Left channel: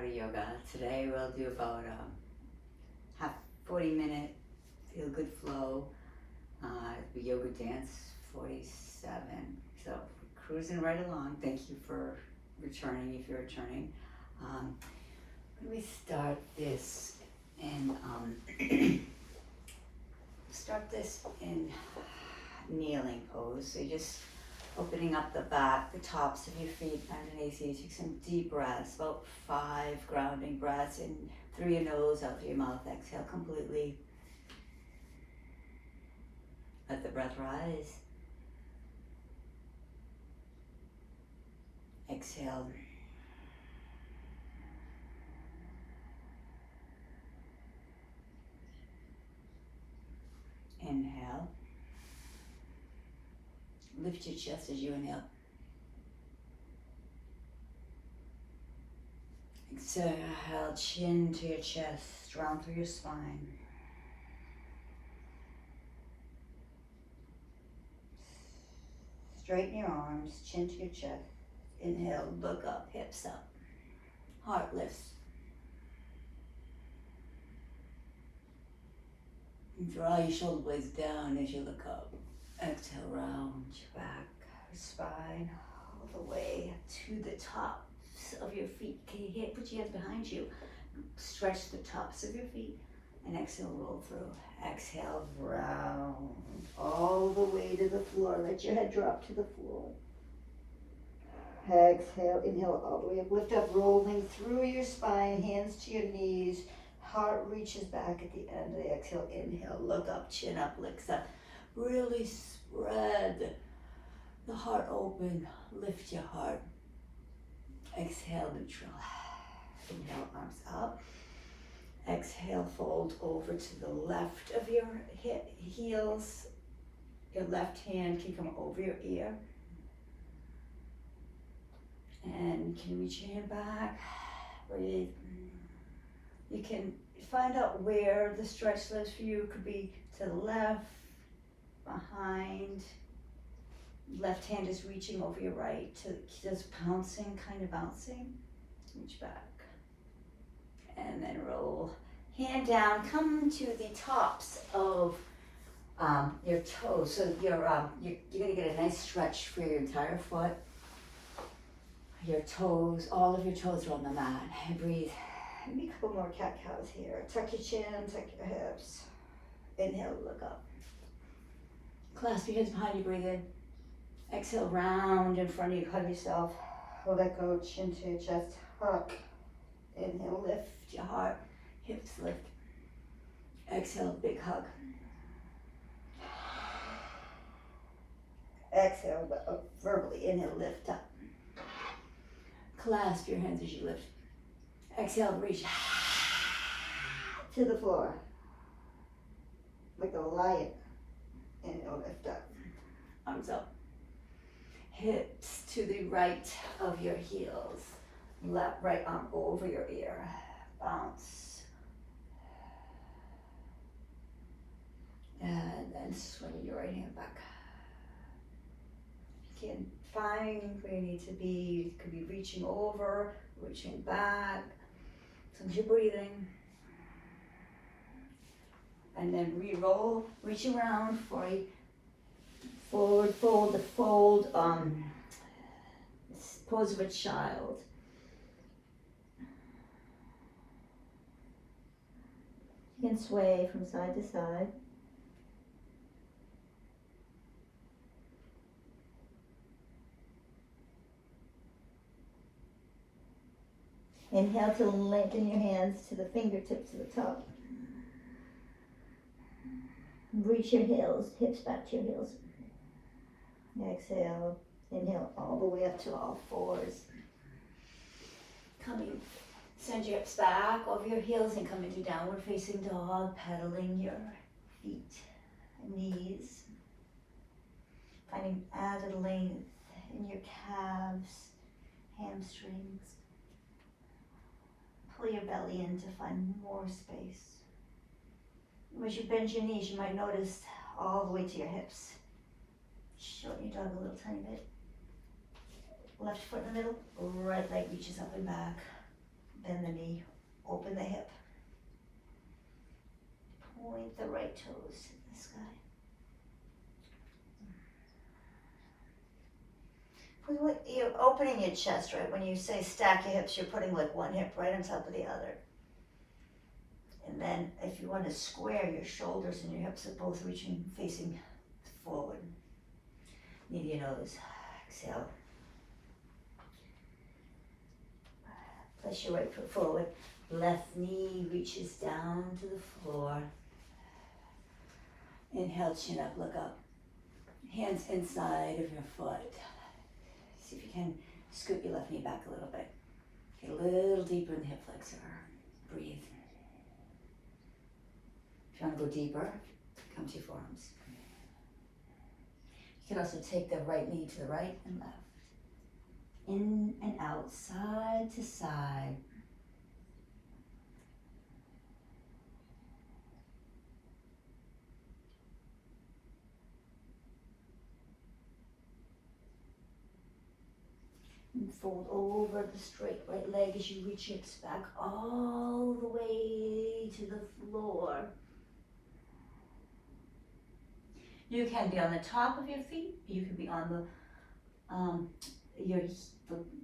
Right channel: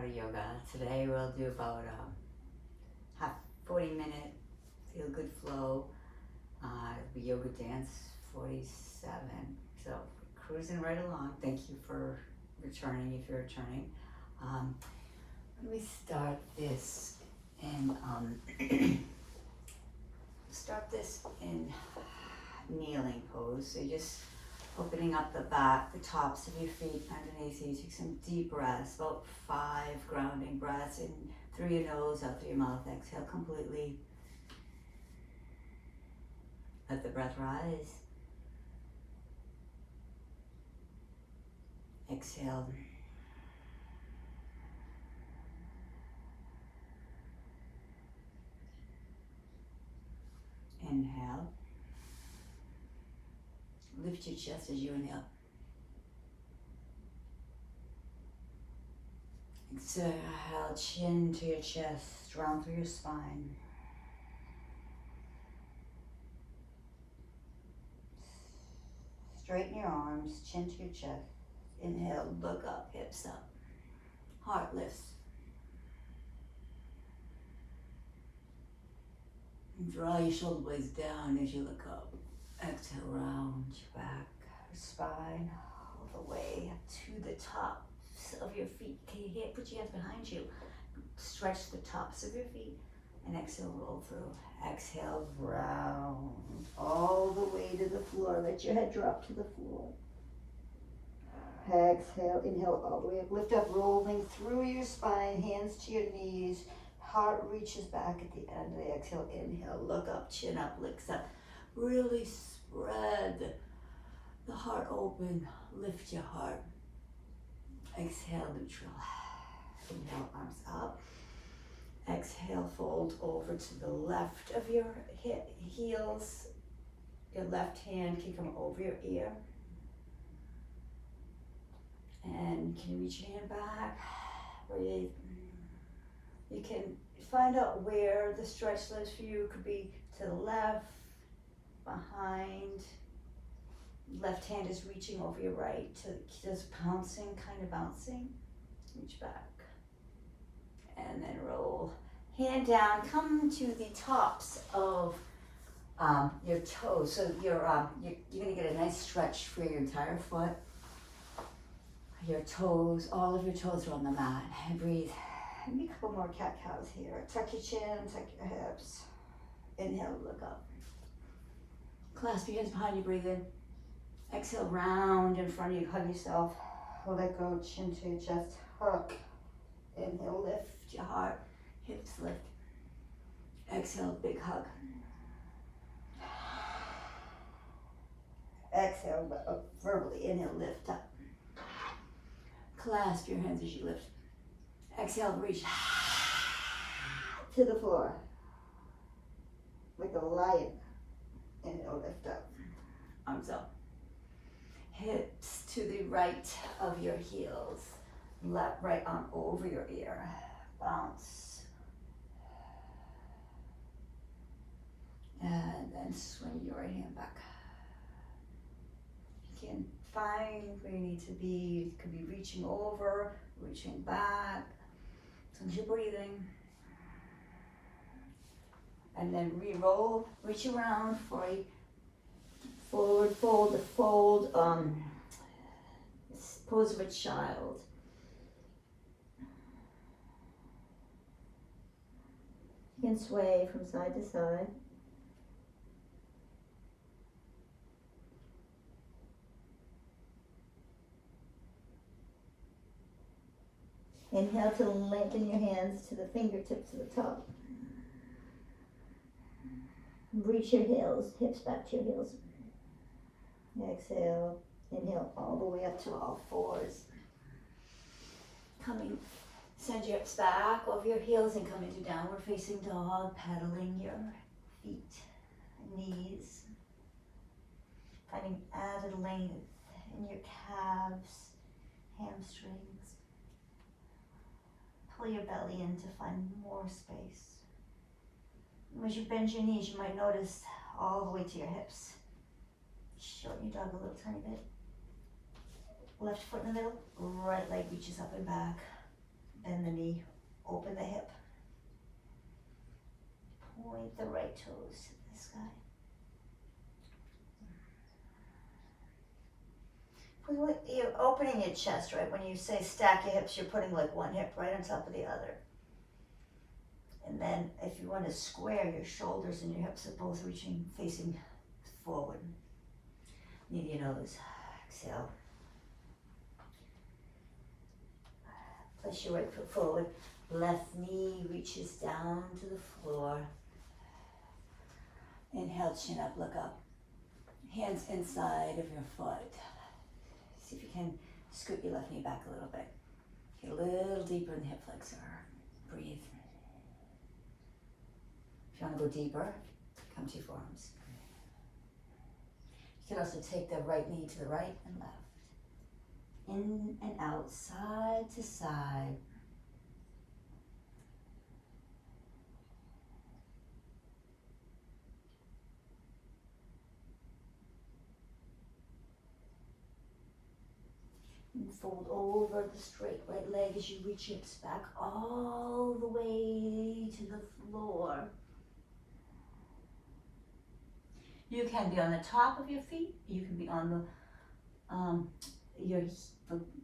part of yoga. Today we'll do about half 40-minute feel good flow. The yoga dance 47. So cruising right along. Thank you for returning if you're returning. When we start this in kneeling pose. So just opening up the back, the tops of your feet underneath you. Take some deep breaths, about 5 grounding breaths in through your nose, out through your mouth. Exhale completely. Let the breath rise. Exhale. Inhale. Lift your chest as you inhale. Exhale, chin to your chest, round through your spine. Straighten your arms, chin to your chest. Inhale, look up, hips up. Heart lifts. And draw your shoulder blades down as you look up. Exhale, round your back, your spine, all the way to the tops of your feet. Okay, put your hands behind you. Stretch the tops of your feet. And exhale, roll through. Exhale, round all the way to the floor. Let your head drop to the floor. Exhale, inhale all the way up. Lift up, rolling through your spine, hands to your knees. Heart reaches back at the end of the exhale. Inhale, look up, chin up, lifts up. Really spread the heart open. Lift your heart. Exhale, neutral. Inhale, arms up. Exhale, fold over to the left of your heels. Your left hand can come over your ear. And you can reach your hand back. Breathe. You can find out where the stretch lives for you. It could be to the left, behind. Left hand is reaching over your right, just bouncing, kind of bouncing. Reach back. And then roll. Hand down, come to the tops of your toes. So you're gonna get a nice stretch for your entire foot. Your toes, all of your toes are on the mat. And breathe. Maybe a couple more cat-cows here. Tuck your chin, tuck your hips. Inhale, look up. Clasp your hands behind you, breathe in. Exhale, round in front of you, hug yourself. Let go, chin to your chest, hug. Inhale, lift your heart, hips lift. Exhale, big hug. Exhale, verbally, inhale, lift up. Clasp your hands as you lift. Exhale, reach to the floor. Like a lion. Inhale, lift up. Arms up. Hips to the right of your heels. Left, right arm over your ear. Bounce. And then swing your right hand back. You can find where you need to be. You could be reaching over, reaching back. As long as you're breathing. And then re-roll, reach around for a forward fold, pose of a child. You can sway from side to side. Inhale to lengthen your hands to the fingertips to the top. Reach your heels, hips back to your heels. Exhale, inhale all the way up to all fours. Send your hips back over your heels and come into downward facing dog, pedaling your feet, knees. Finding added length in your calves, hamstrings. Pull your belly in to find more space. As you bend your knees, you might notice all the way to your hips. Shorten your dog a little tiny bit. Left foot in the middle, right leg reaches up and back. Bend the knee, open the hip. Point the right toes to the sky. You're opening your chest, right? When you say stack your hips, you're putting like one hip right on top of the other. And then if you want to square, your shoulders and your hips are both reaching, facing forward. Knee to your nose. Exhale. Place your right foot forward. Left knee reaches down to the floor. Inhale, chin up, look up. Hands inside of your foot. See if you can scoot your left knee back a little bit. Get a little deeper in the hip flexor. Breathe. If you want to go deeper, come to your forearms. You can also take the right knee to the right and left. In and out, side to side. And fold over the straight right leg as you reach hips back all the way to the floor. You can be on the top of your feet. You can be on the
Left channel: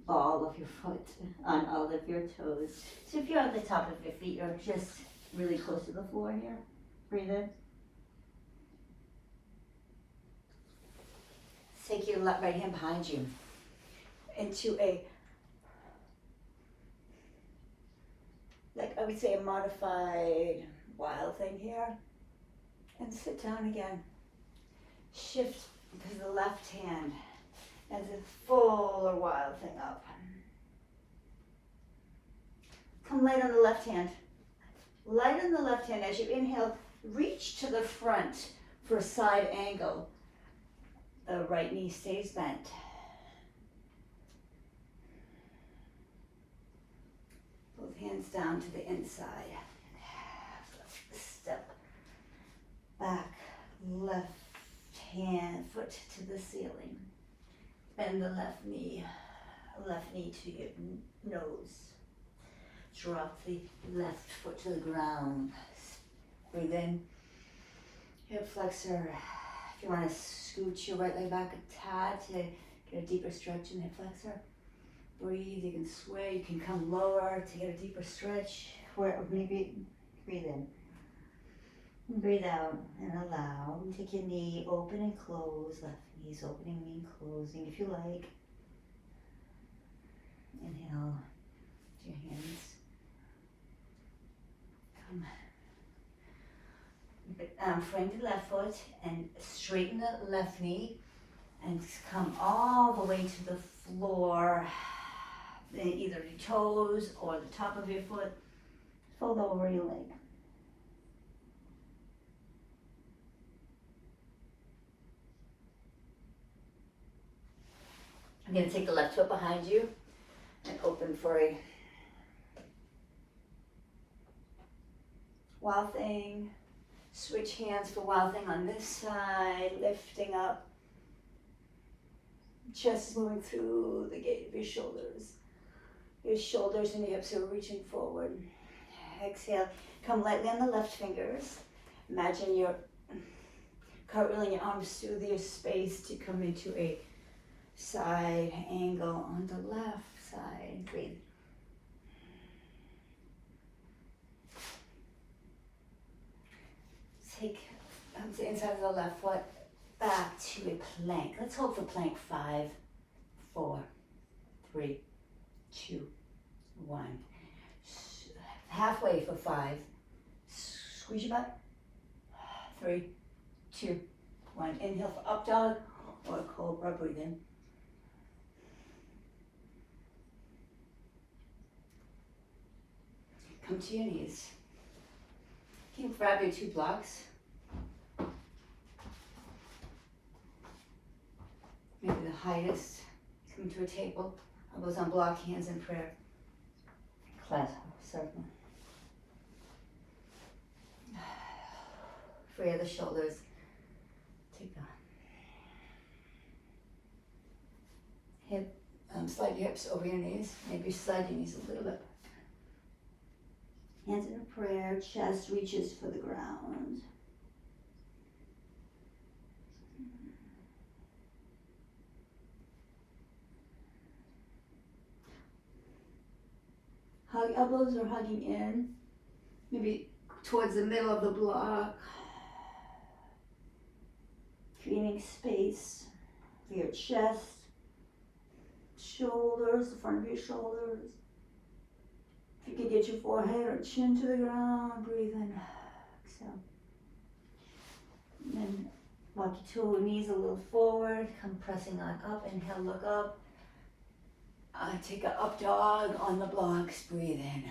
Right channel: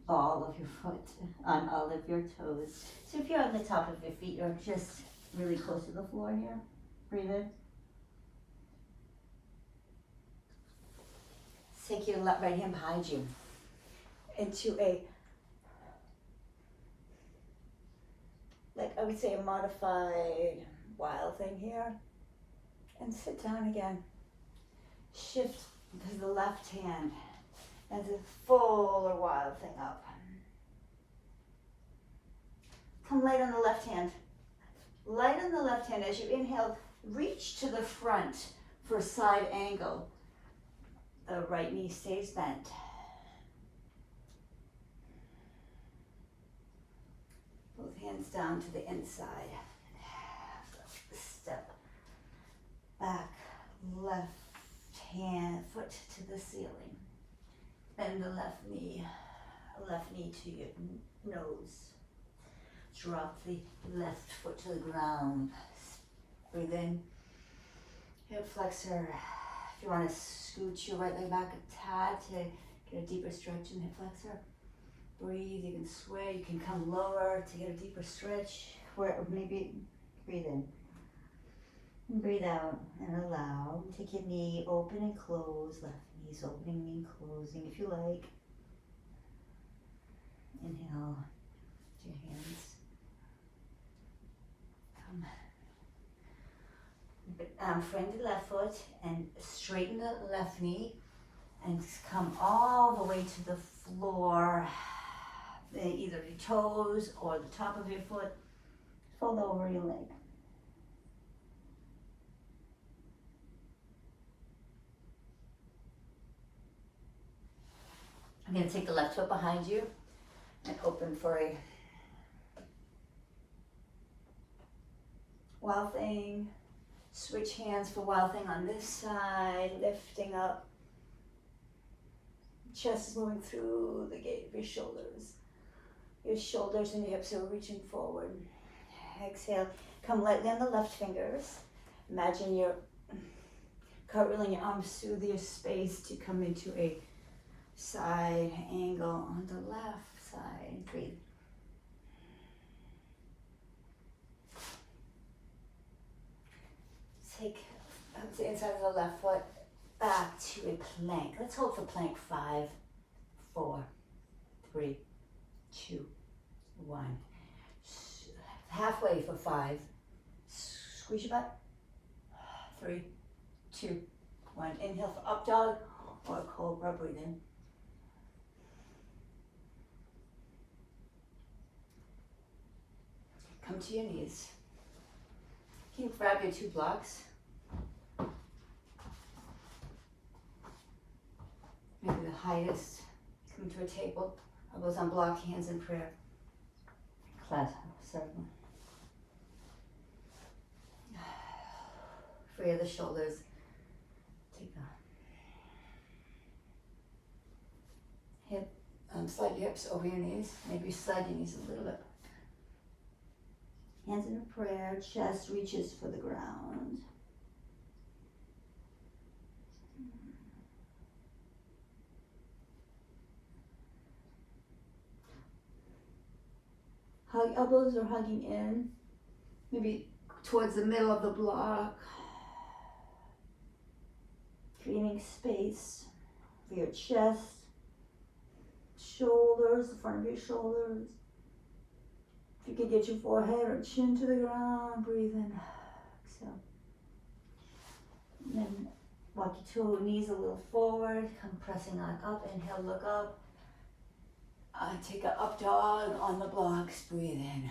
ball of your foot, on all of your toes. So if you're on the top of your feet, you're just really close to the floor here. Breathe in. Take your right hand behind you into a, like I would say, a modified wild thing here. And sit down again. Shift to the left hand as a fuller wild thing up. Come light on the left hand. Light on the left hand as you inhale, reach to the front for a side angle. The right knee stays bent. Both hands down to the inside. Step back, left hand, foot to the ceiling. Bend the left knee to your nose. Drop the left foot to the ground. Breathe in. Hip flexor. If you want to scoot your right leg back a tad to get a deeper stretch in the hip flexor. Breathe, you can sway, you can come lower to get a deeper stretch. Or maybe breathe in. And breathe out and allow. Take your knee, open and close. Left knee's opening, knee closing if you like. Inhale to your hands. Frame the left foot and straighten the left knee and come all the way to the floor. Either your toes or the top of your foot. Fold over your leg. I'm going to take the left foot behind you and open for a wild thing. Switch hands for wild thing on this side, lifting up. Chest is moving through the gate of your shoulders. Your shoulders and your hips are reaching forward. Exhale, come lightly on the left fingers. Imagine you're cartwheeling your arms through your space to come into a side angle on the left side. Breathe. Take the inside of the left foot back to a plank. Let's hold for plank 5, 4, 3, 2, 1. Halfway for 5. Squeeze your butt. 3, 2, 1. Inhale for up dog or cobra. Breathe in. Come to your knees. You can grab your 2 blocks. Maybe the highest. Come to a table. Elbows on block, hands in prayer. Clasp, circle. Free of the shoulders. Take on. Slide your hips over your knees. Maybe slide your knees a little bit. Hands in a prayer, chest reaches for the ground. Hug, elbows are hugging in, maybe towards the middle of the block, creating space for your chest, shoulders, the front of your shoulders. If you could get your forehead or chin to the ground, breathe in, exhale. And then walk your two knees a little forward, come pressing on up, inhale, look up. Take an up dog on the blocks, breathe in.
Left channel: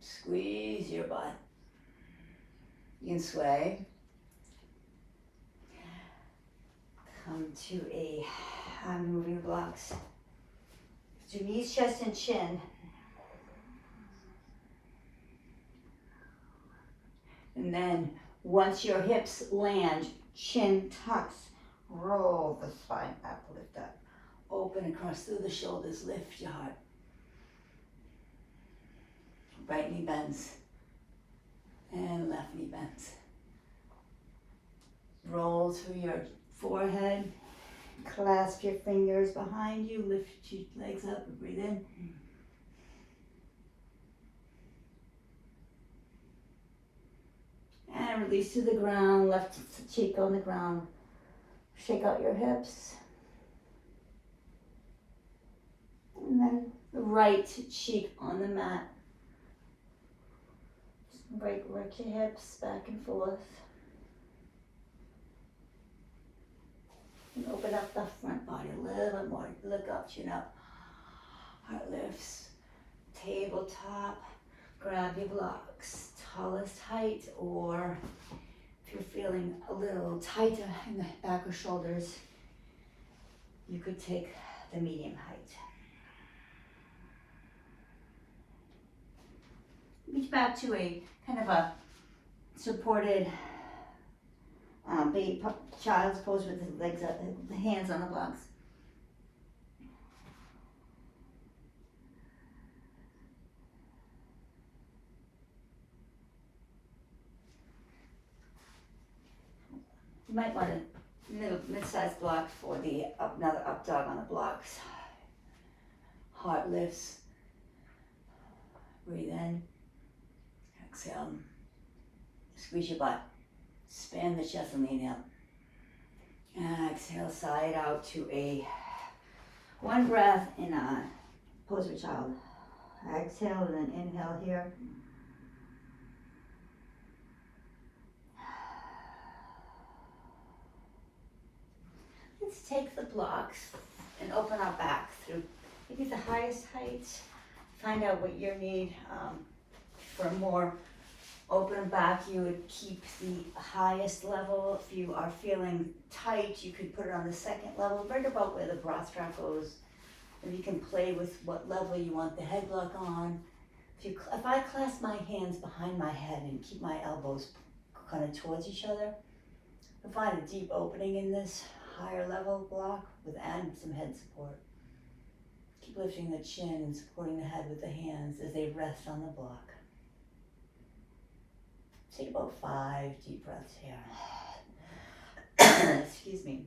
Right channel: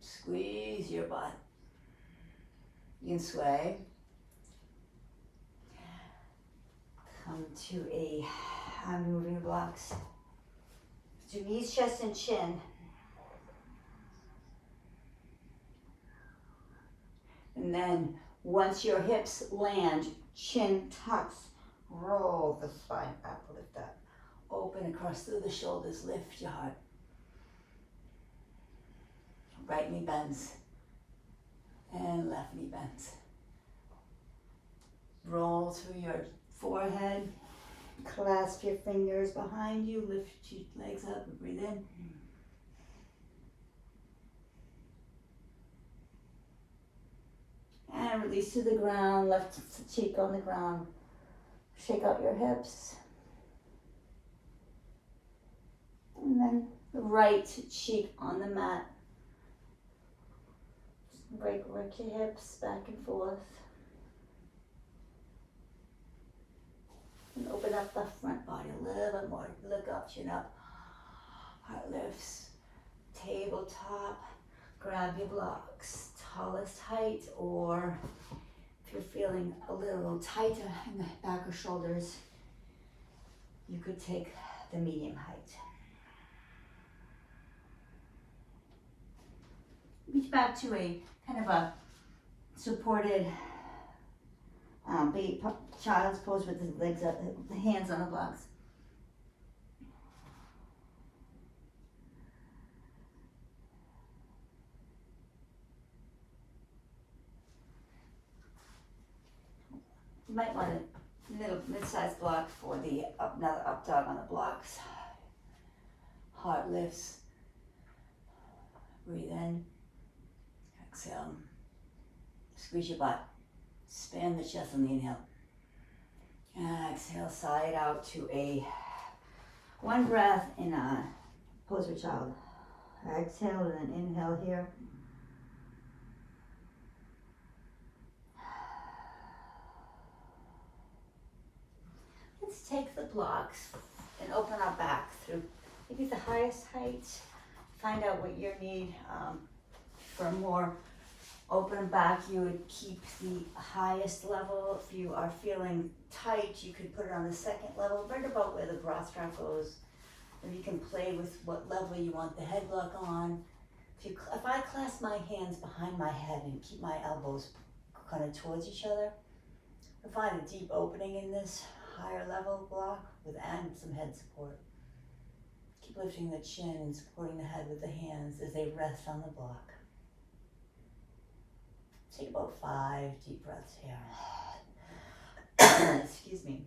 Squeeze your butt. You can sway. Come to a, moving your blocks. Do knees, chest, and chin. And then once your hips land, chin tucks, roll the spine back, lift up. Open across through the shoulders, lift your heart. Right knee bends and left knee bends. Roll through your forehead, clasp your fingers behind you, lift your legs up and breathe in. And release to the ground, left cheek on the ground. Shake out your hips. And then the right cheek on the mat. Break your hips back and forth. And open up the front body a little bit more. Look up, chin up. Heart lifts. Tabletop. Grab your blocks. Tallest height, or if you're feeling a little tighter in the back or shoulders, you could take the medium height. Reach back to a kind of a supported child's pose with the legs up, the hands on the blocks. You might want a little mid-sized block for the another up dog on the blocks. Heart lifts. Breathe in. Exhale. Squeeze your butt. Span the chest on the inhale. Exhale, side out to a one breath in a pose for child. Exhale and then inhale here. Let's take the blocks and open our back through maybe the highest height. Find out what you need. For more open back, you would keep the highest level. If you are feeling tight, you could put it on the second level, right about where the bra strap goes. And you can play with what level you want the head block on. If I clasp my hands behind my head and keep my elbows kind of towards each other, I find a deep opening in this higher level block and some head support. Keep lifting the chin and supporting the head with the hands as they rest on the block. Take about 5 deep breaths here. Excuse me.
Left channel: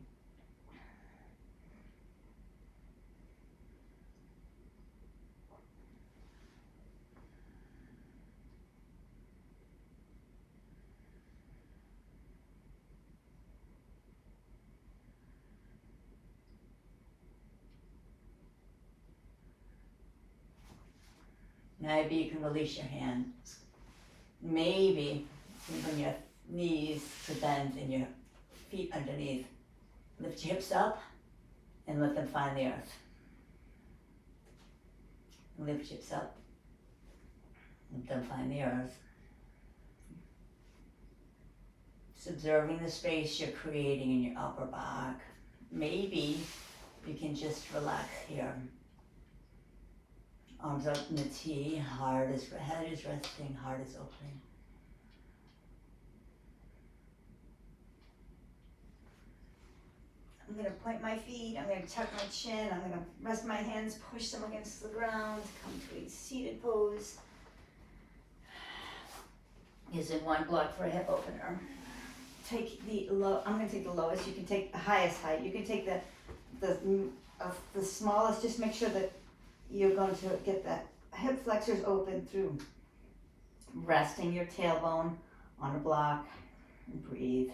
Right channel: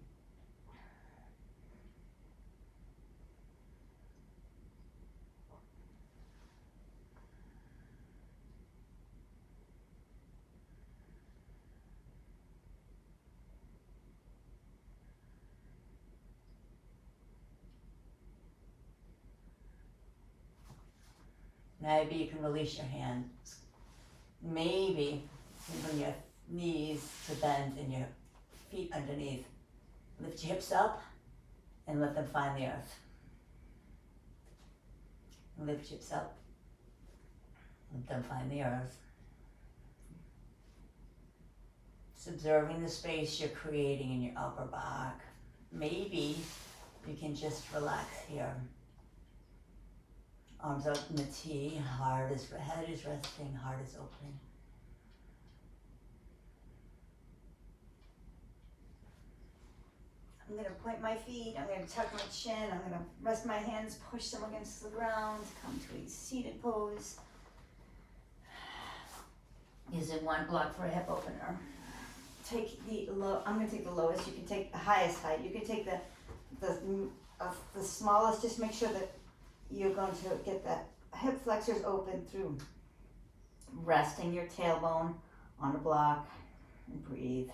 Maybe you can release your hands. Maybe you can bring your knees to bend and your feet underneath. Lift your hips up and let them find the earth. And lift your hips up. Let them find the earth. Just observing the space you're creating in your upper back. Maybe you can just relax here. Arms up in the T, head is resting, heart is opening. I'm gonna point my feet, I'm gonna tuck my chin, I'm gonna rest my hands, push them against the ground, come to a seated pose. Using one block for a hip opener. Take the low, I'm gonna take the lowest, you can take the highest height, you can take the smallest, just make sure that you're going to get the hip flexors open through resting your tailbone on a block, and breathe.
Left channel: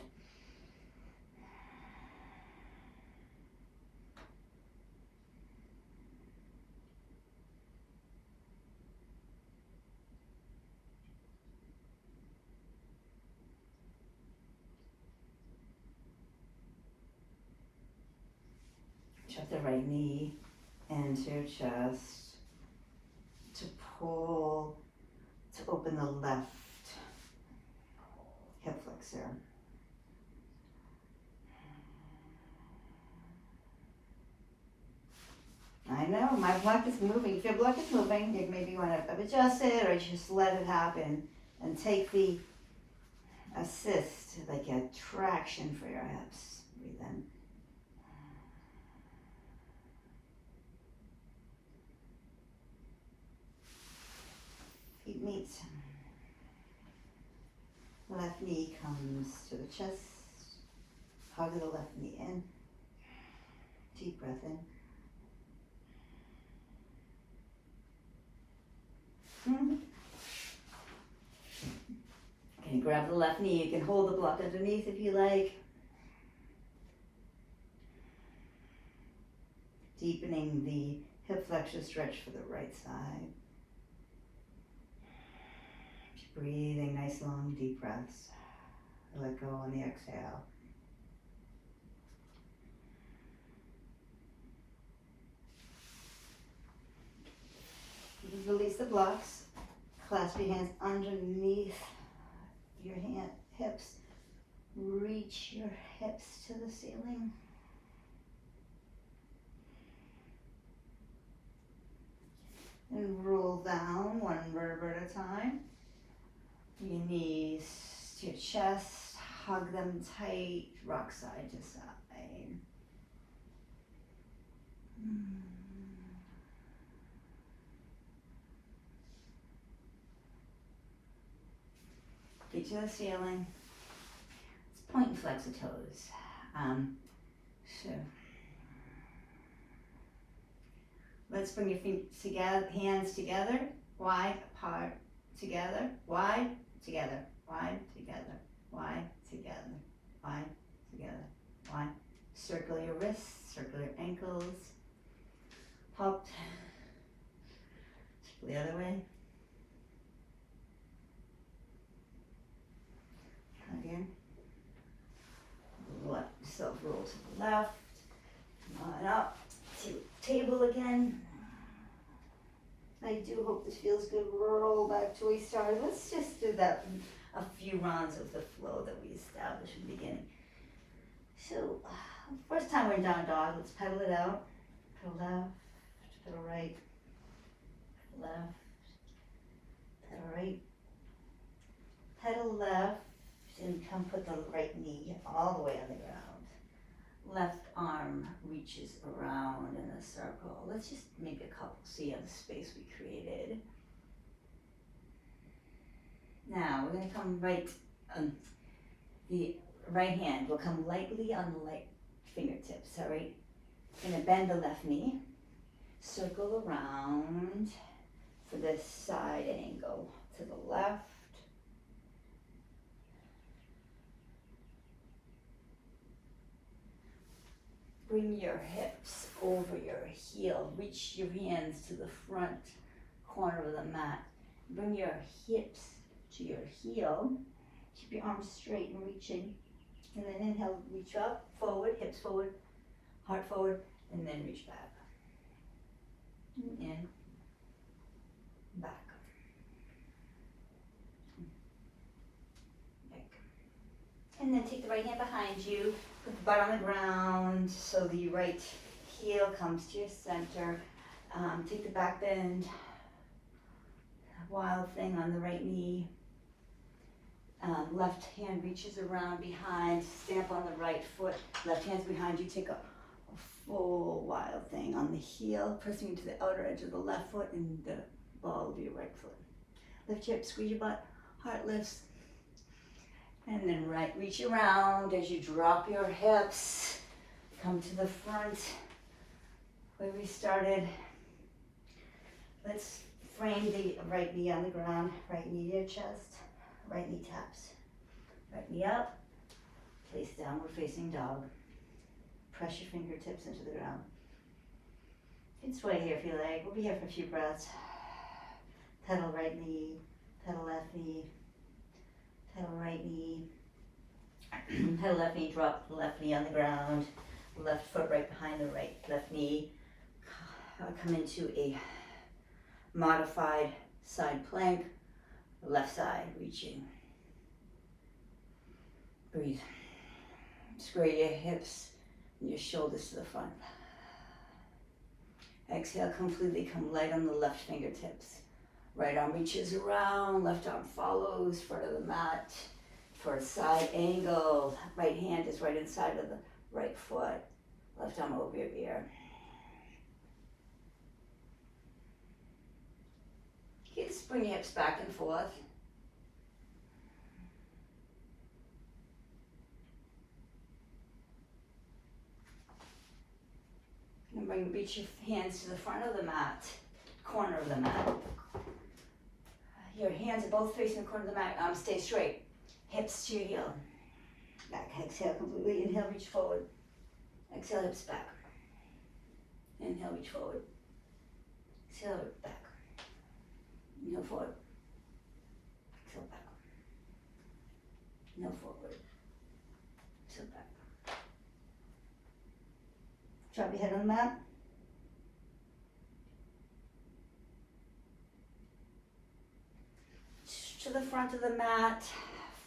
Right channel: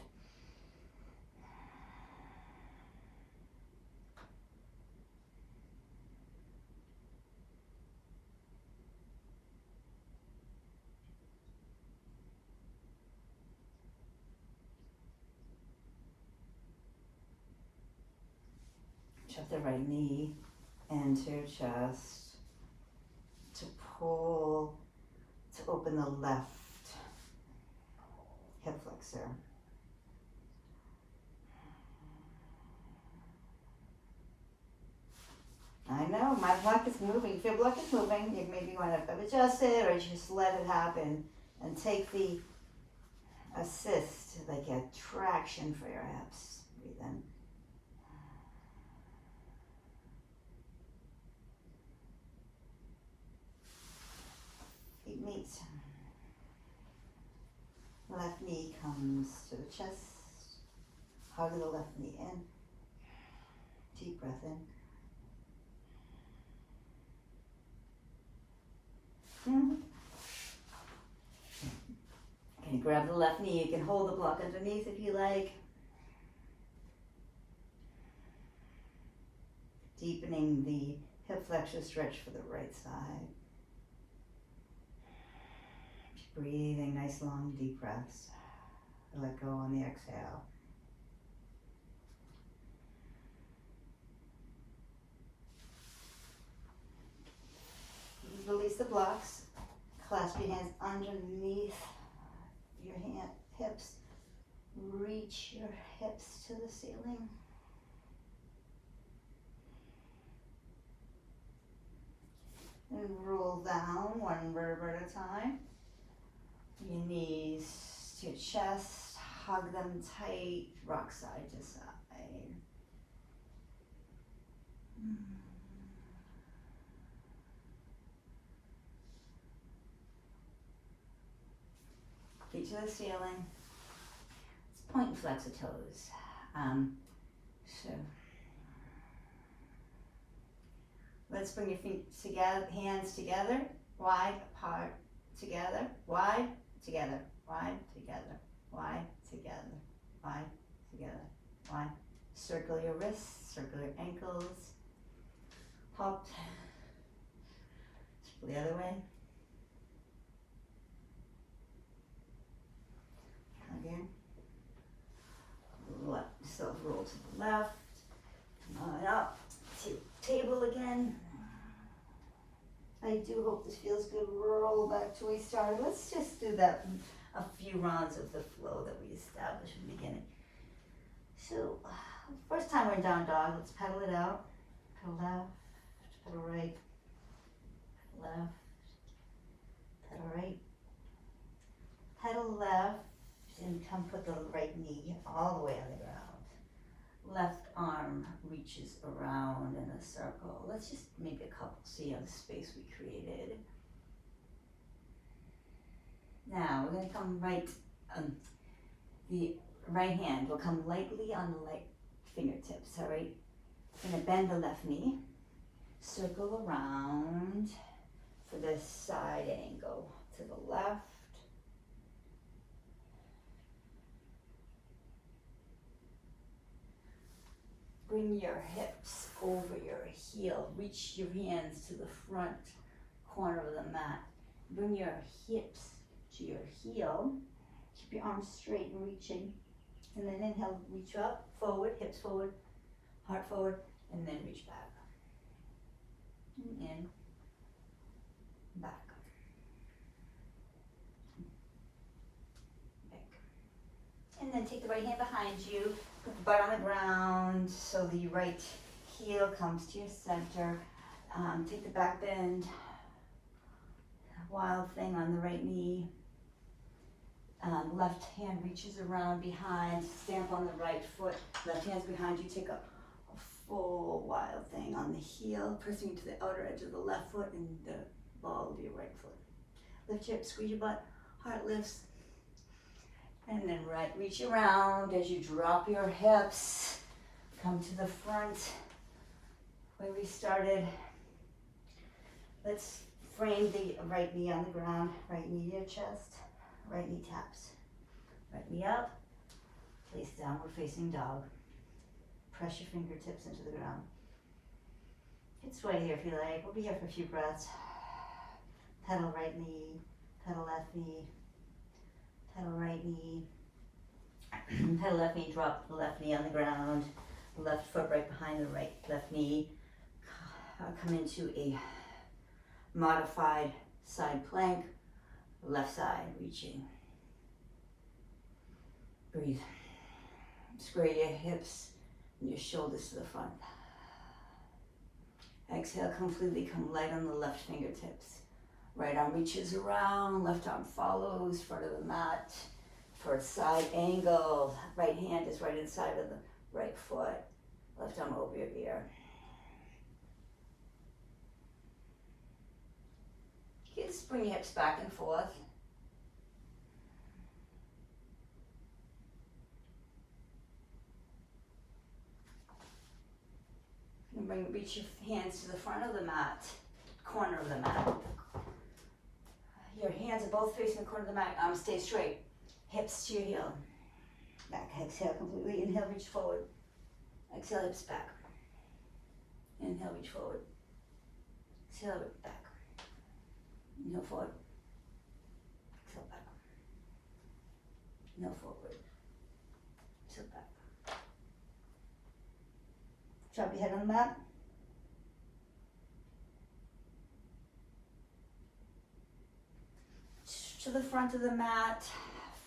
Drop the right knee into your chest to pull, to open the left hip flexor. I know, my block is moving. If your block is moving, you maybe want to adjust it or just let it happen and take the assist, like a traction for your hips. Breathe in. Feet meet. Left knee comes to the chest. Hug the left knee in. Deep breath in. Okay, grab the left knee. You can hold the block underneath if you like. Deepening the hip flexor stretch for the right side. Breathing nice long deep breaths. Let go on the exhale. You can release the blocks. Clasp your hands underneath your hips. Reach your hips to the ceiling. And roll down one vertebra at a time. Your knees to your chest, hug them tight, rock side to side. Feet to the ceiling. Let's point and flex the toes. So let's bring your feet together, hands together, wide apart, together, wide, together, wide, together, wide, together, wide, together, wide. Circle your wrists, circle your ankles. Hop. Circle the other way. Again. Let yourself roll to the left. Come on up to table again. I do hope this feels good. Roll back to where we started. Let's just do that in a few rounds of the flow that we established in the beginning. So, first time we're in down dog, let's pedal it out. Pedal left, pedal right, left, pedal right, pedal left, and come put the right knee all the way on the ground. Left arm reaches around in a circle. Let's just make a couple, see how the space we created. Now we're going to come right, the right hand will come lightly on the right fingertips, all right? Going to bend the left knee, circle around for this side angle to the left. Bring your hips over your heel. Reach your hands to the front corner of the mat. Bring your hips to your heel. Keep your arms straight and reaching. And then inhale, reach up, forward, hips forward, heart forward, and then reach back. In, back. Back. And then take the right hand behind you. Put the butt on the ground so the right heel comes to your center. Take the back bend, wild thing on the right knee. Left hand reaches around behind, stamp on the right foot. Left hand's behind you, take a full wild thing on the heel, pressing into the outer edge of the left foot and the ball of your right foot. Lift your hips, squeeze your butt, heart lifts. And then right, reach around as you drop your hips. Come to the front where we started. Let's frame the right knee on the ground, right knee to your chest, right knee taps. Right knee up, place downward facing dog. Press your fingertips into the ground. You can sway here if you like. We'll be here for a few breaths. Pedal right knee, pedal left knee, pedal right knee, pedal left knee, drop the left knee on the ground, left foot right behind the right left knee. Come into a modified side plank, left side reaching. Breathe. Square your hips and your shoulders to the front. Exhale, completely come light on the left fingertips. Right arm reaches around, left arm follows, front of the mat for a side angle. Right hand is right inside of the right foot. Left arm over your ear. You just bring your hips back and forth. And reach your hands to the front of the mat, corner of the mat. Your hands are both facing the corner of the mat. Arms stay straight. Hips to your heel. Back. Exhale completely. Inhale, reach forward. Exhale, hips back. Inhale, reach forward. Exhale, back. Inhale, forward. Exhale, back. Inhale, forward. Exhale, back. Drop your head on the mat. To the front of the mat,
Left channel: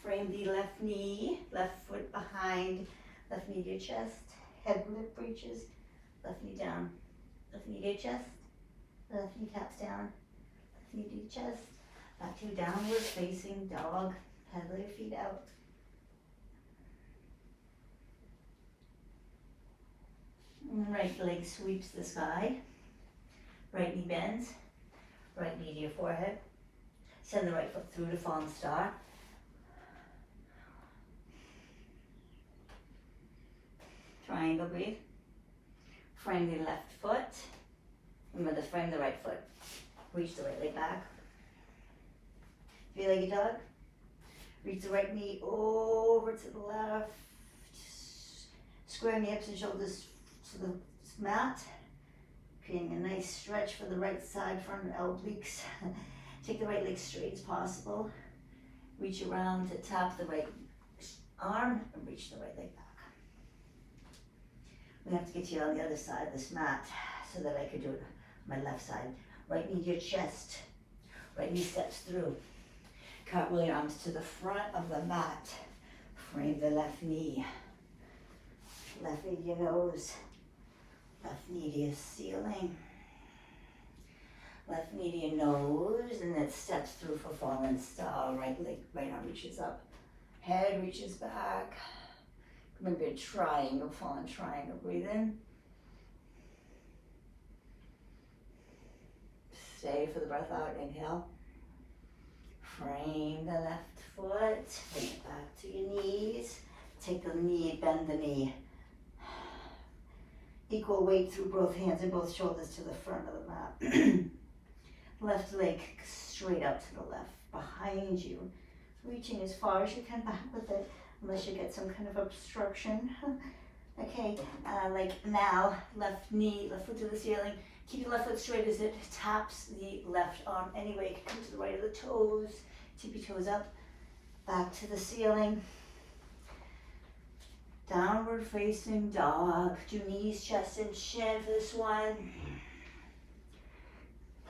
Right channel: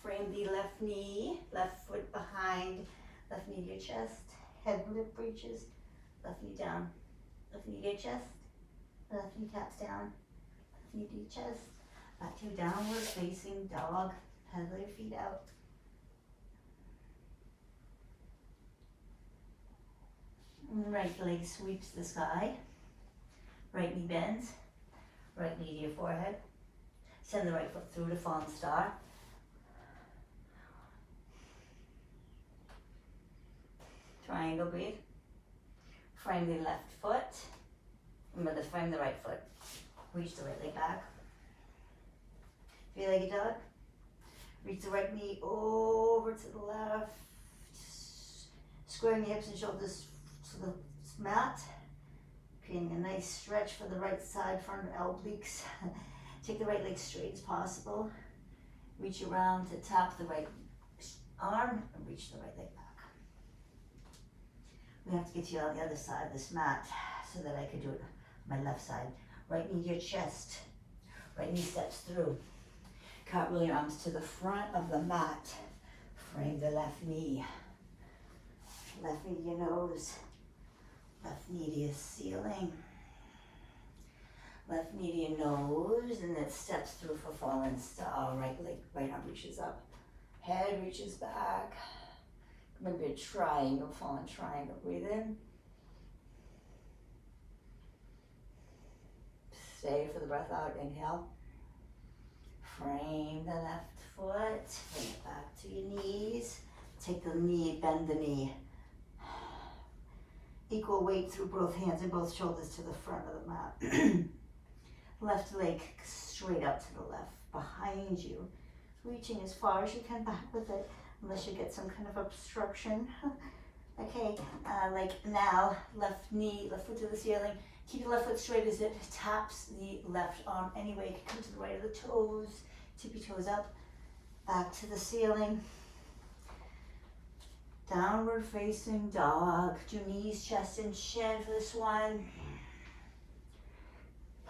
frame the left knee, left foot behind, left knee to your chest, head lip reaches, left knee down, left knee to your chest, left knee taps down, left knee to your chest, back to downward facing dog, pedal your feet out. Right leg sweeps the sky, right knee bends, right knee to your forehead. Send the right foot through to fallen star. Triangle, breathe. Frame the left foot. Remember to frame the right foot. Reach the right leg back. Three-legged dog. Reach the right knee over to the left. Squaring the hips and shoulders to the mat. Creating a nice stretch for the right side, front obliques. Take the right leg straight as possible. Reach around to tap the right arm and reach the right leg back. We have to get you on the other side of this mat so that I could do it on my left side. Right knee to your chest. Right knee steps through. Cartwheel your arms to the front of the mat. Frame the left knee. Left knee to your nose. Left knee to your ceiling. Left knee to your nose, and then steps through for fallen star. Right leg, right arm reaches up. Head reaches back. Maybe a triangle, fallen triangle. Breathe in. Stay for the breath out. Inhale. Frame the left foot. Bring it back to your knees. Take the knee, bend the knee. Equal weight through both hands and both shoulders to the front of the mat. Left leg straight out to the left, behind you. Reaching as far as you can back with it, unless you get some kind of obstruction. Okay, like now, left knee, left foot to the ceiling. Keep your left foot straight as it taps the left arm. Anyway, come to the right of the toes. Tip your toes up, back to the ceiling. Downward facing dog. Do knees, chest, and shin for this one.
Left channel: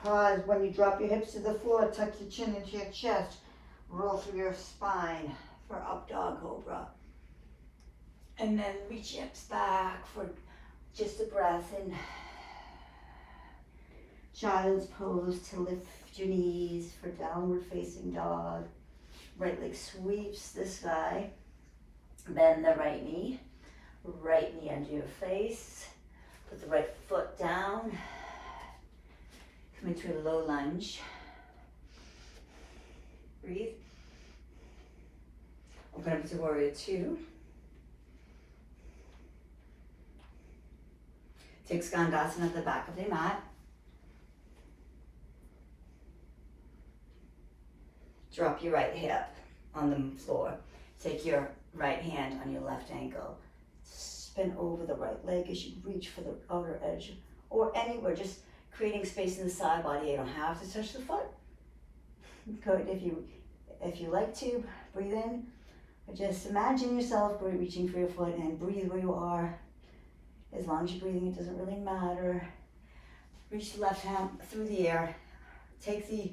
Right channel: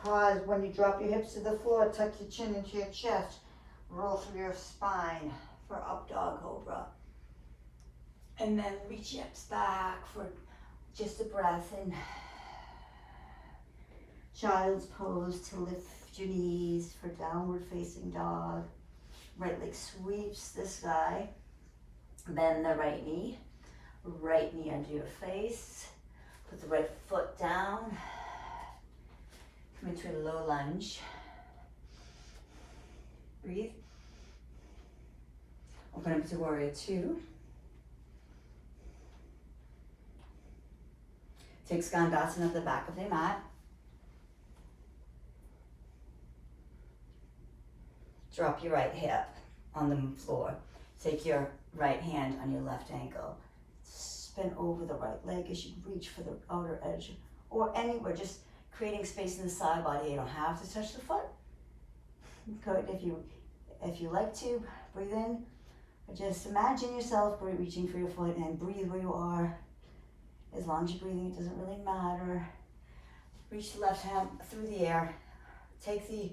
Pause when you drop your hips to the floor, tuck your chin into your chest, roll through your spine for up dog cobra. And then reach your hips back for just a breath in child's pose to lift your knees for downward facing dog. Right leg sweeps the sky. Bend the right knee under your face. Put the right foot down. Come into a low lunge. Breathe. Open up to warrior two. Take Skandasana at the back of the mat. Drop your right hip on the floor. Take your right hand on your left ankle. Spin over the right leg as you reach for the outer edge or anywhere, just creating space in the side body. You don't have to touch the foot. Good. If you like to, breathe in. Or just imagine yourself reaching for your foot and breathe where you are. As long as you're breathing, it doesn't really matter. Reach the left hand through the air. Take the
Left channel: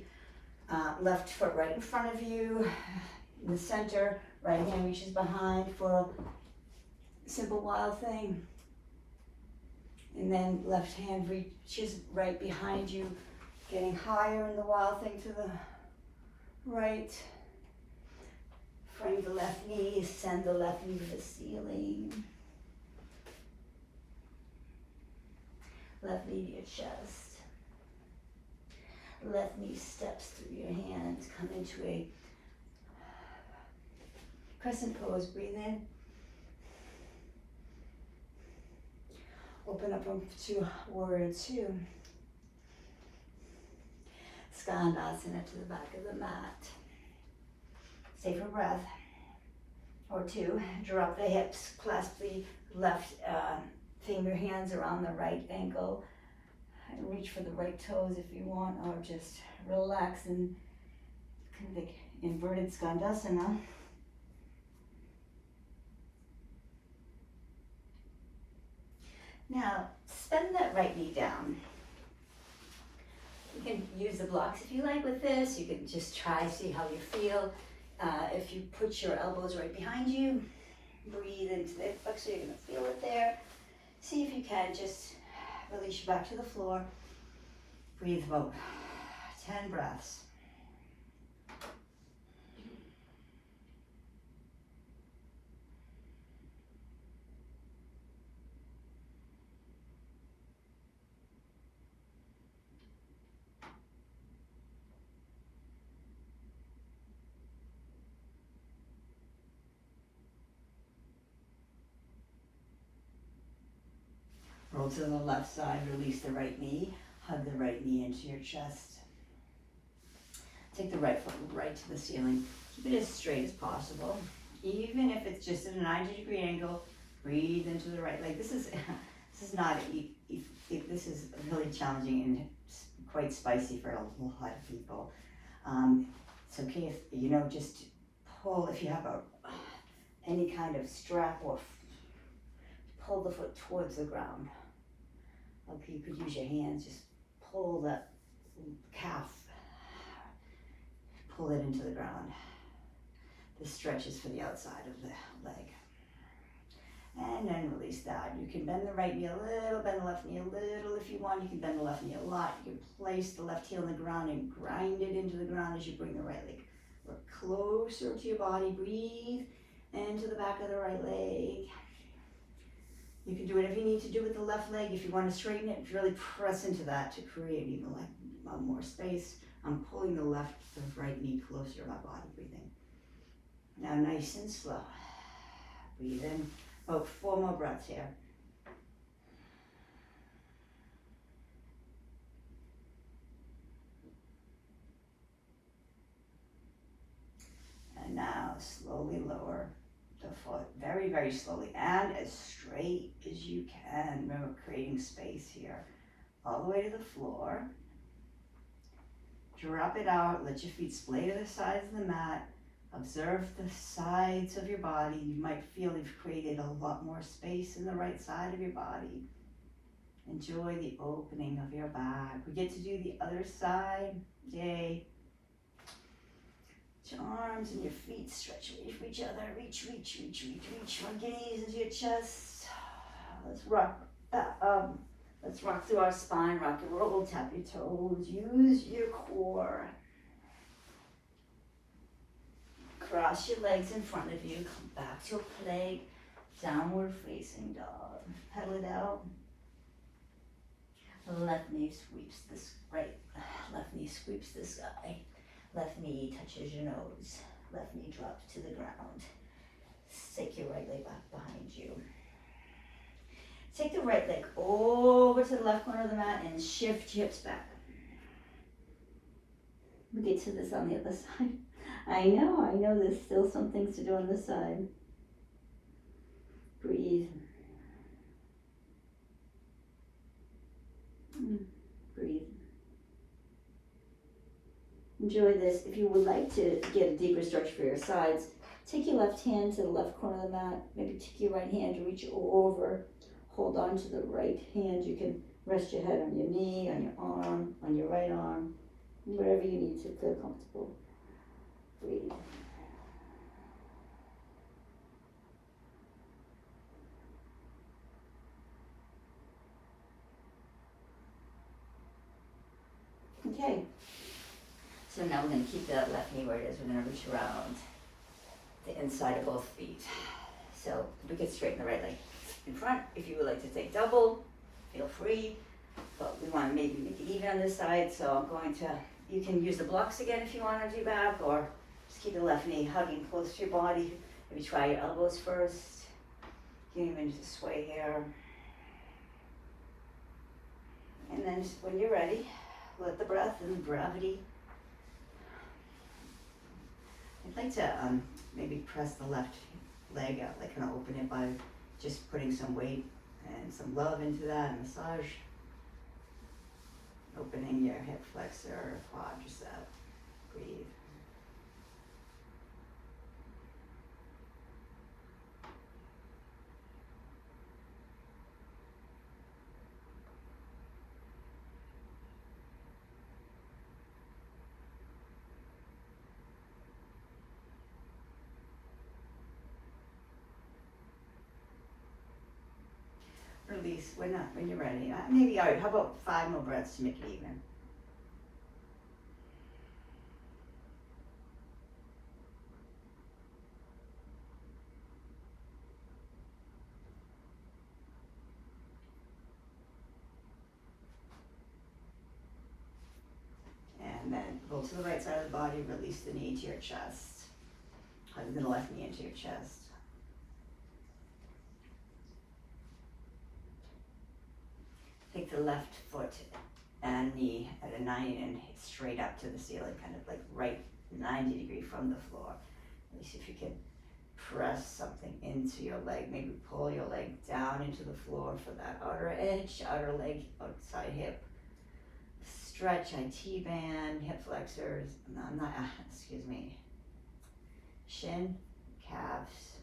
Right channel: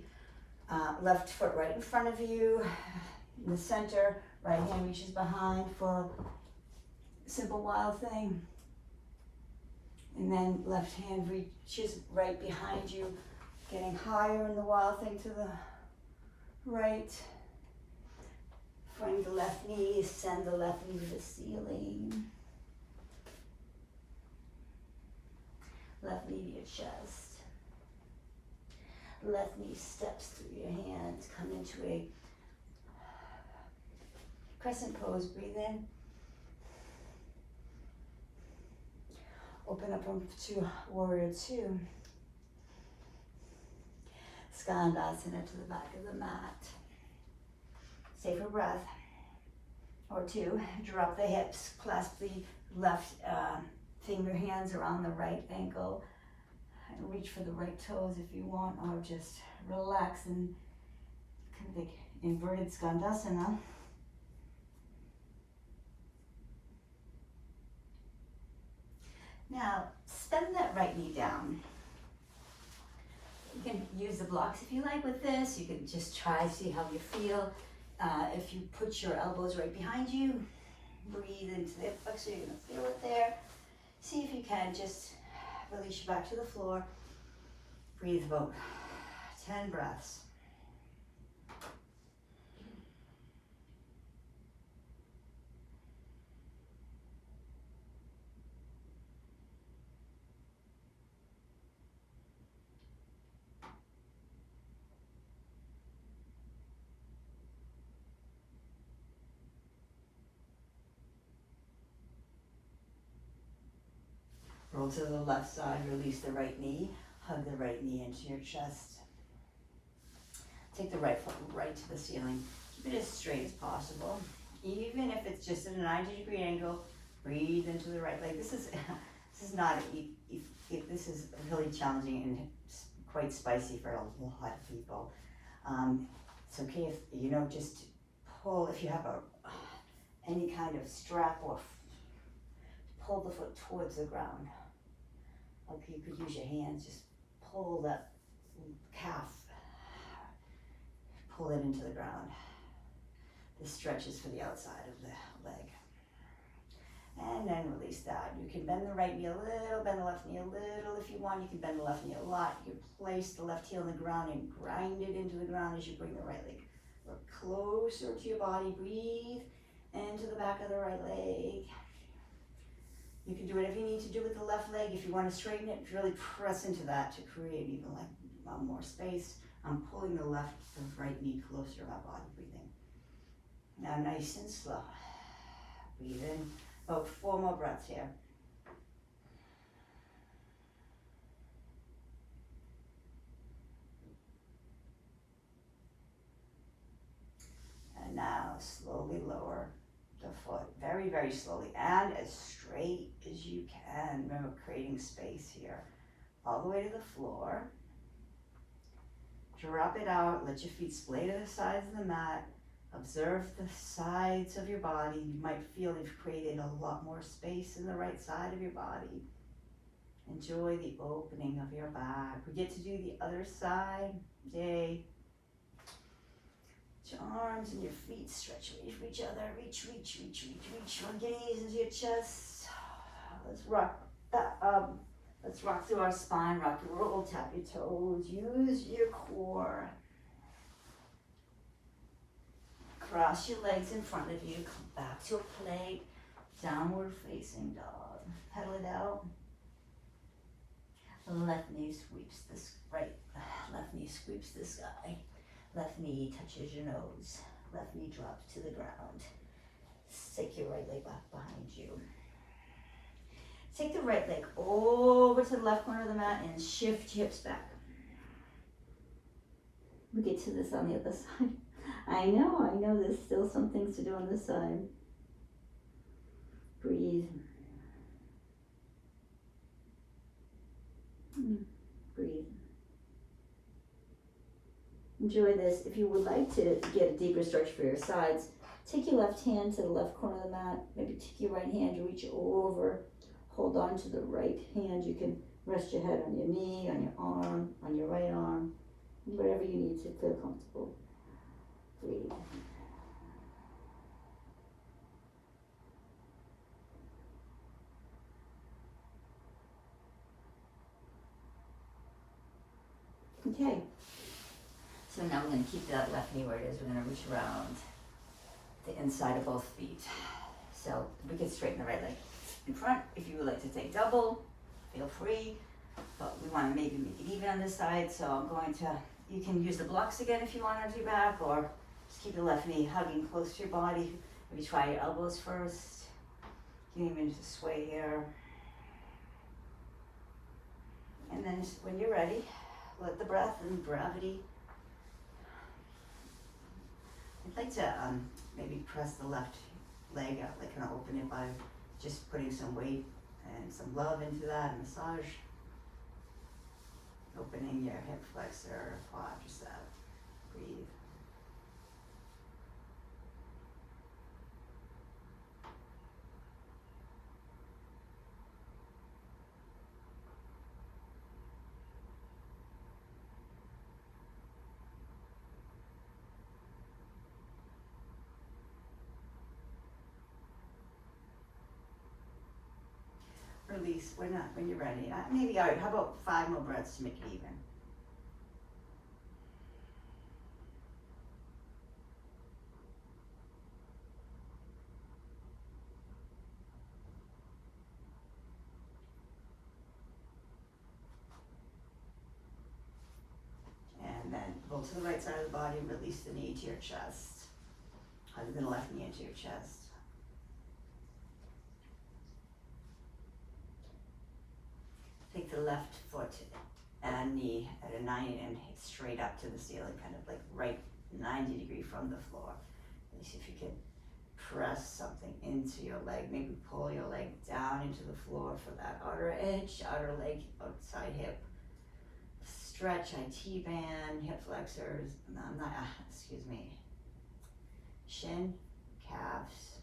left foot right in front of you, in the center. Right hand reaches behind for a simple wild thing. And then left hand reaches right behind you, getting higher in the wild thing to the right. Frame the left knee, send the left knee to the ceiling. Left knee to your chest. Left knee steps through your hands. Come into a crescent pose. Breathe in. Open up to warrior two. Skandasana to the back of the mat. Stay for breath or two. Drop the hips. Clasp the left finger hands around the right ankle. And reach for the right toes if you want, or just relax in kind of like inverted Skandasana. Now, send that right knee down. You can use the blocks if you like with this. You can just try, see how you feel. If you put your elbows right behind you, breathe into the hip flexor, you're going to feel it there. See if you can just release you back to the floor. Breathe about 10 breaths. Roll to the left side, release the right knee, hug the right knee into your chest. Take the right foot right to the ceiling. Keep it as straight as possible. Even if it's just at a 90-degree angle, breathe into the right leg. This is not, this is really challenging and quite spicy for a lot of people. It's okay if, just pull, if you have any kind of strap or pull the foot towards the ground. Okay, you could use your hands, just pull the calf, pull it into the ground. This stretches for the outside of the leg. And then release that. You can bend the right knee a little, bend the left knee a little if you want. You can bend the left knee a lot. You can place the left heel on the ground and grind it into the ground as you bring the right leg closer to your body. Breathe into the back of the right leg. You can do whatever you need to do with the left leg. If you want to straighten it, really press into that to create even more space. I'm pulling the right knee closer to my body, breathing. Now nice and slow. Breathe in. About 4 more breaths here. And now slowly lower the foot, very, very slowly, and as straight as you can. Remember, creating space here. All the way to the floor. Drop it out, let your feet splay to the sides of the mat. Observe the sides of your body. You might feel you've created a lot more space in the right side of your body. Enjoy the opening of your back. We get to do the other side. Yay. Your arms and your feet stretch away from each other. Reach, reach, reach, reach, reach. Your gaze into your chest. Let's rock. Let's rock through our spine. Rock and roll. Tap your toes. Use your core. Cross your legs in front of you, come back to a plank, downward facing dog. Pedal it out. Left knee sweeps this right, left knee sweeps the sky. Left knee touches your nose. Left knee drops to the ground. Take your right leg back behind you. Take the right leg over to the left corner of the mat and shift your hips back. We'll get to this on the other side. I know, there's still some things to do on this side. Breathe. Breathe. Enjoy this. If you would like to get a deeper stretch for your sides, take your left hand to the left corner of the mat. Maybe take your right hand, reach over. Hold on to the right hand. You can rest your head on your knee, on your arm, on your right arm, wherever you need to feel comfortable. Breathe. Okay. So now we're going to keep that left knee where it is. We're going to reach around the inside of both feet. So we can straighten the right leg in front. If you would like to take double, feel free. But we want to maybe make it even on this side. So I'm going to, you can use the blocks again if you want to do back, or just keep the left knee hugging close to your body. Maybe try your elbows first. You can even just sway here. And then when you're ready, let the breath and gravity. I'd like to maybe press the left leg out, like kind of open it by just putting some weight and some love into that, massage. Opening your hip flexor, quadricep. Breathe. Release when you're ready. Maybe, all right, how about 5 more breaths to make it even? And then go to the right side of the body, release the knee to your chest. Hug the left knee into your chest. Take the left foot and knee at a 90 and straight up to the ceiling, kind of like right 90 degree from the floor. At least if you can press something into your leg, maybe pull your leg down into the floor for that outer edge, outer leg, outside hip. Stretch, IT band, hip flexors, shin, calves,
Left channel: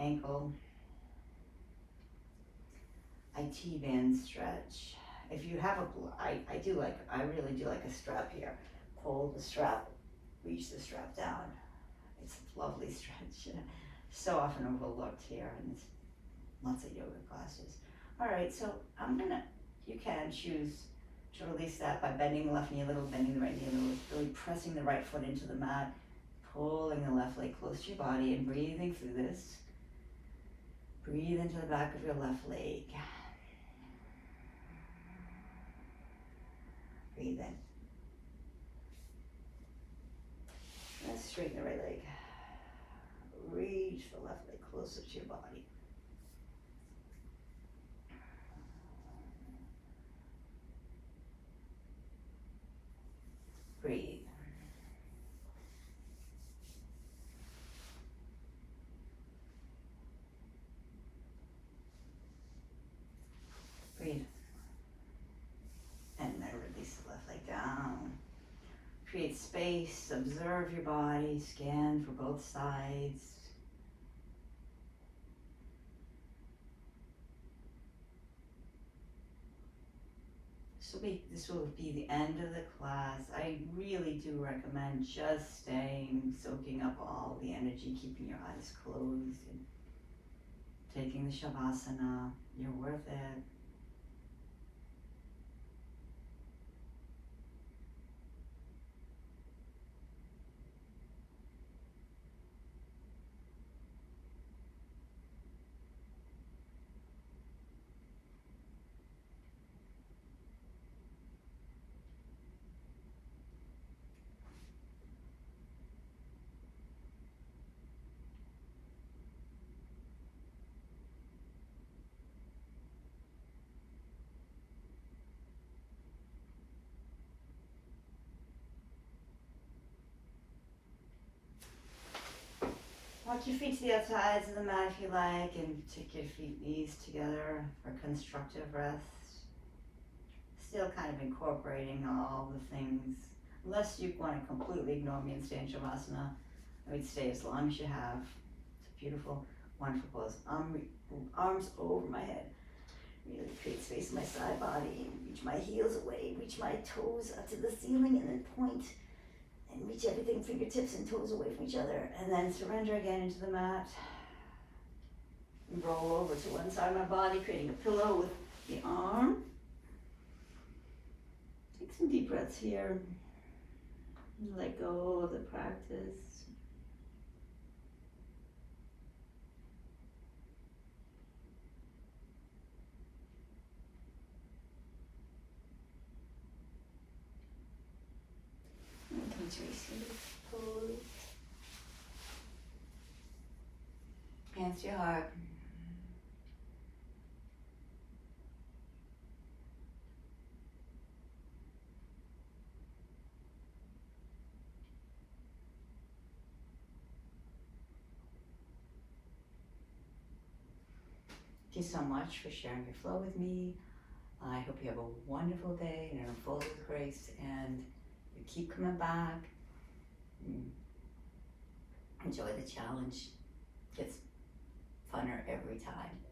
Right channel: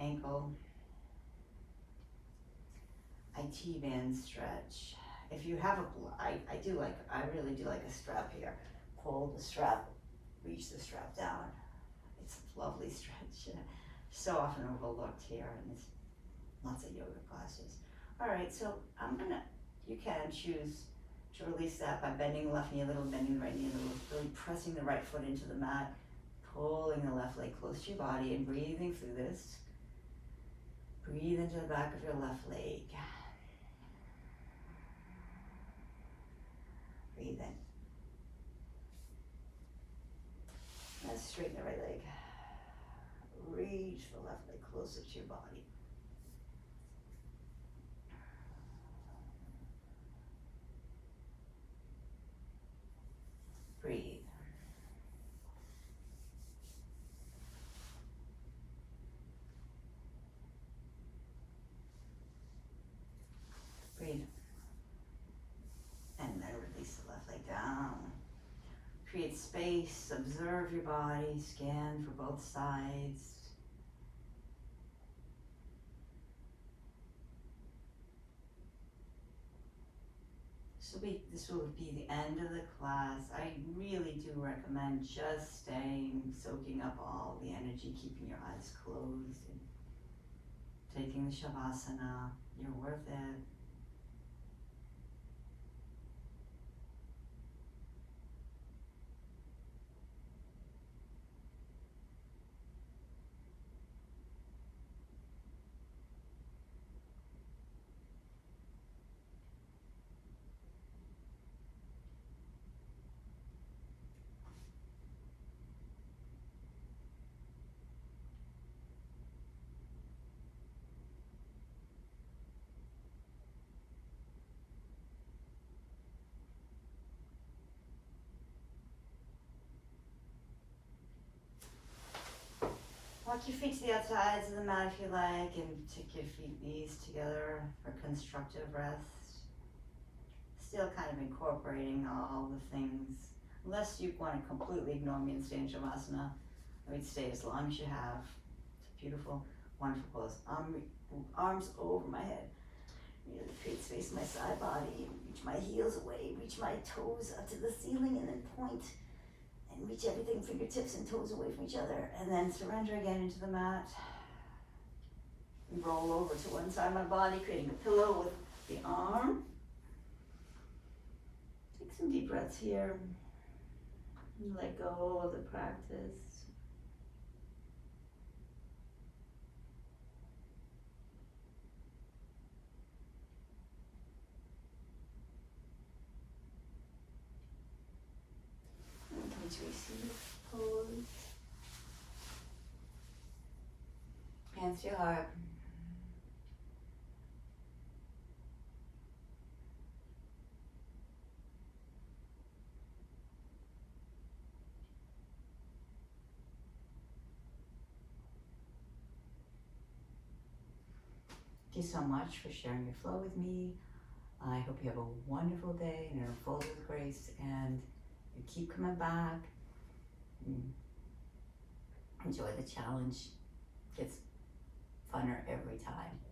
ankle. IT band stretch. If you have I really do like a strap here. Pull the strap, reach the strap down. It's a lovely stretch. So often overlooked here in lots of yoga classes. All right, so you can choose to release that by bending the left knee a little, bending the right knee a little, really pressing the right foot into the mat, pulling the left leg close to your body and breathing through this. Breathe into the back of your left leg. Breathe in. Let's straighten the right leg. Reach the left leg closer to your body. Breathe. Breathe. And then release the left leg down. Create space, observe your body, scan for both sides. This will be the end of the class. I really do recommend just staying, soaking up all the energy, keeping your eyes closed and taking the savasana. You're worth it. your feet to the outsides of the mat if you like, and take your knees together for constructive rest. Still kind of incorporating all the things. Unless you want to completely ignore me and stay in Shavasana, we'd stay as long as you have. It's a beautiful, wonderful pose. Arms over my head. Really create space in my side body. Reach my heels away. Reach my toes up to the ceiling, and then point. And reach everything, fingertips and toes away from each other. And then surrender again into the mat. And roll over to one side of my body, creating a pillow with the arm. Take some deep breaths here. And let go of the practice. And come to receive pose. Hands to your heart. Thank you so much for sharing your flow with me. I hope you have a wonderful day and are full of grace, and you keep coming back. Enjoy the challenge. Gets funner every time.